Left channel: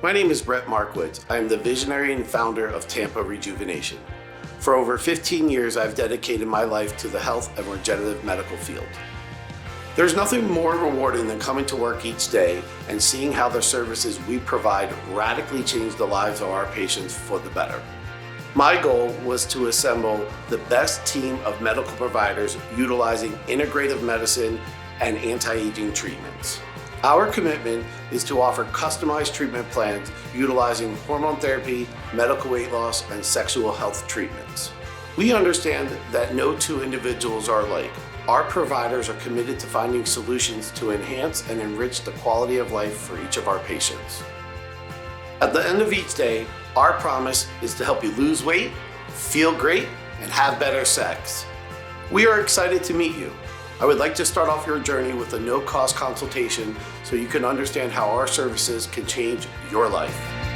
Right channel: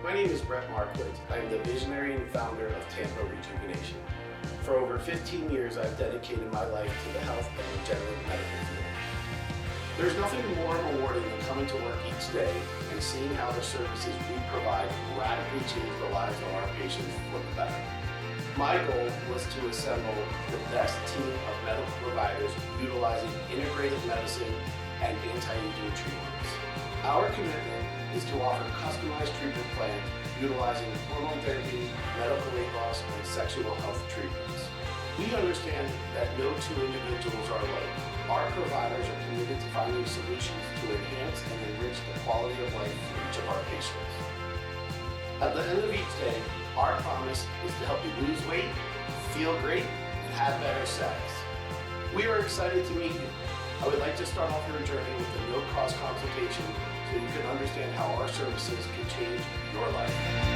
My name is Brett Markowitz. I am the visionary and founder of Tampa Rejuvenation. For over 15 years, I've dedicated my life to the health and regenerative medical field. There's nothing more rewarding than coming to work each day and seeing how the services we provide radically change the lives of our patients for the better. My goal was to assemble the best team of medical providers utilizing integrative medicine and anti-aging treatments. Our commitment is to offer customized treatment plans utilizing hormone therapy, medical weight loss, and sexual health treatments. We understand that no two individuals are alike. Our providers are committed to finding solutions to enhance and enrich the quality of life for each of our patients. At the end of each day, our promise is to help you lose weight, feel great, and have better sex. We are excited to meet you. I would like to start off your journey with a no-cost consultation so you can understand how our services can change your life.